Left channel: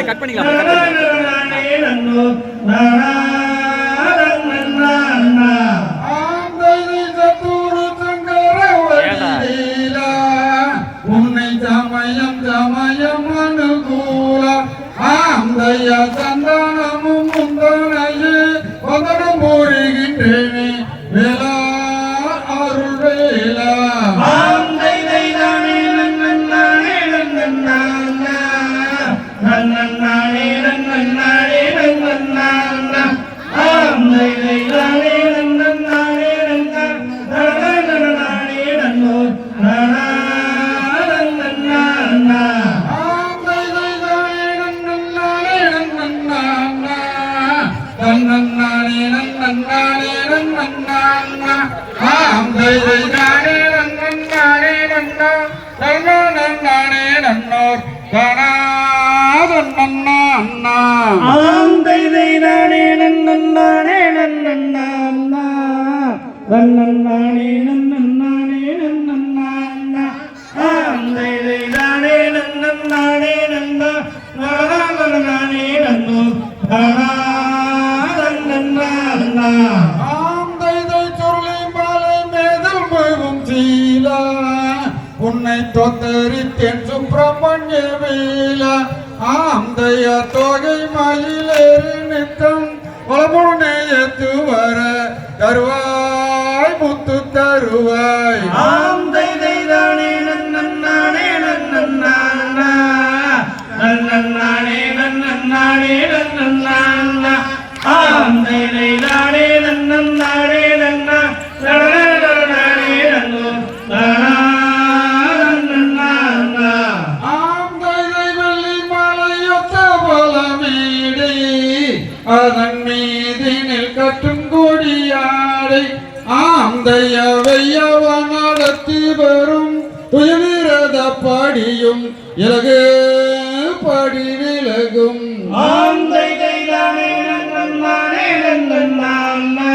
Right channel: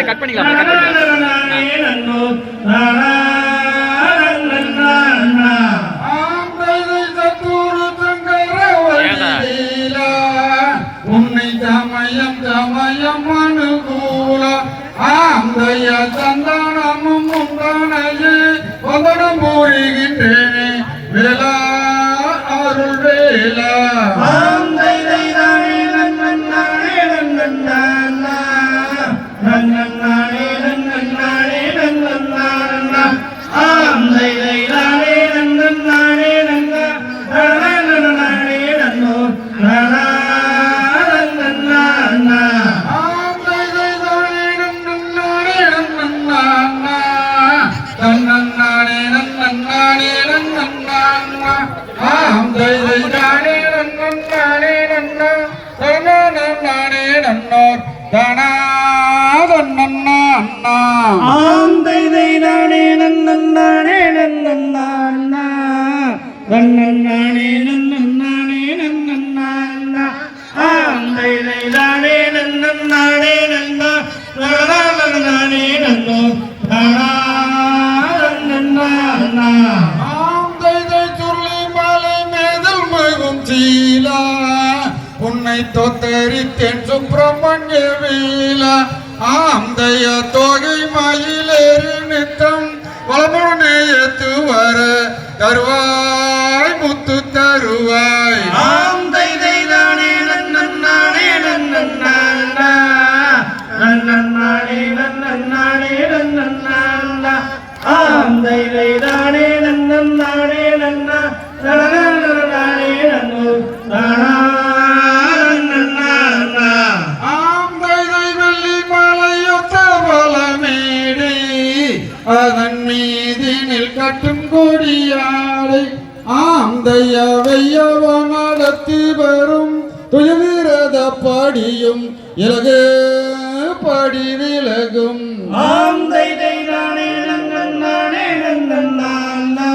Cut பண்ணிக்கலாம். உன்னை தமயம் தமயம் அனுகூல ஆந்தைய சந்தானமும் முந்தானையே பதடம் போடுகின்றேனே வேலா அருள் வேலா உன்னை தோத்தரித்தேன் சுப்பிரமணிய வீல ஆந்தைய தொகை மயிலேறு நித்தம் வளமுடனே ஏத்து வர தருவாய் முத்து தருவாய் ஆந்தை தானே நன்னானே நன்னானே நன்னானே நன்னானே நன்னானே ஆந்தை தானே நன்னானே நன்னா அதன் மீதினில் கட்டும் கொடியாடை ஆந்தைய வையவ நடத்தி வரும் துயவிரத படியும் இலகு படி விலகும் ஆந்தை தானே நன்னானே நன்னானே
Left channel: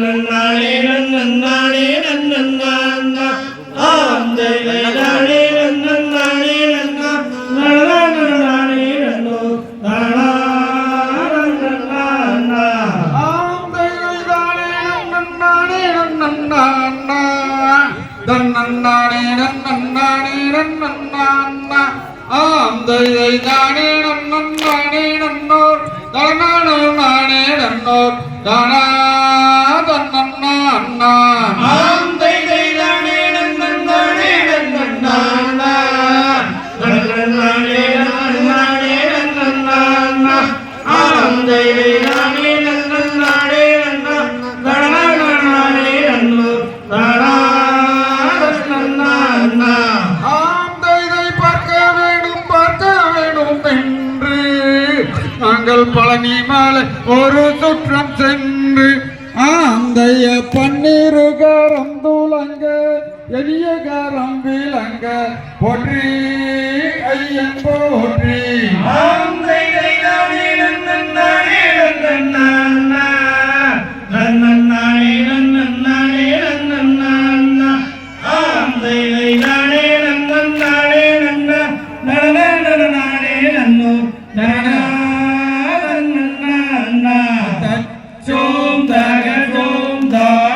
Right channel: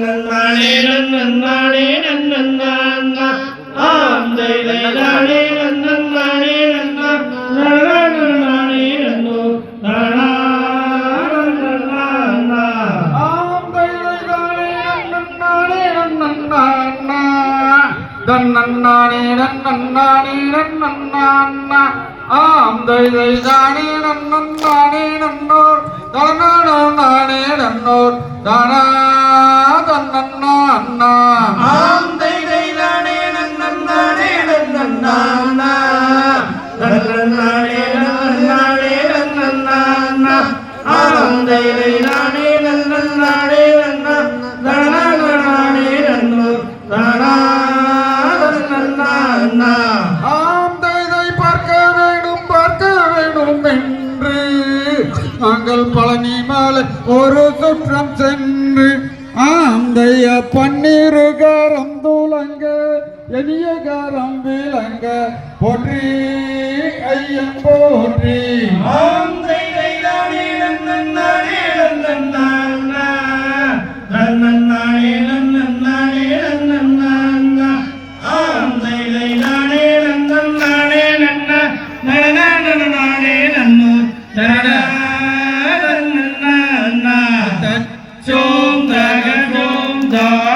நன்னானே நன்னானே நன்னானே ஆந்தை தானே நன்னானே நன்னானே நன்னானே நன்னானே நன்னானே நன்னானே ஆந்தை தானே நன்னானே நன்னோர் தனநானே நன்னோர் தனா தன்னன்னா ஆந்தை தானே நன்னானே நன்னானே நன்னானே நன்னானே நன்னானே ஆந்தை தானே நன்னானே நாங்கள் பழனி மலை ஒரு சுற்றம் சென்று ஆந்தைய பன்னீரு கரம் துலங்க எளிய கரம் விளங்க போற்றி ஐயன் போற்றி ஆந்தை தானே நன்னானே நன்னானே நன்னானே நன்னானே நன்னானே ஆந்தை தானே நன்னானே நன்னானே நன்னானே நன்னோ நன்னா சோம் தக சோம் தா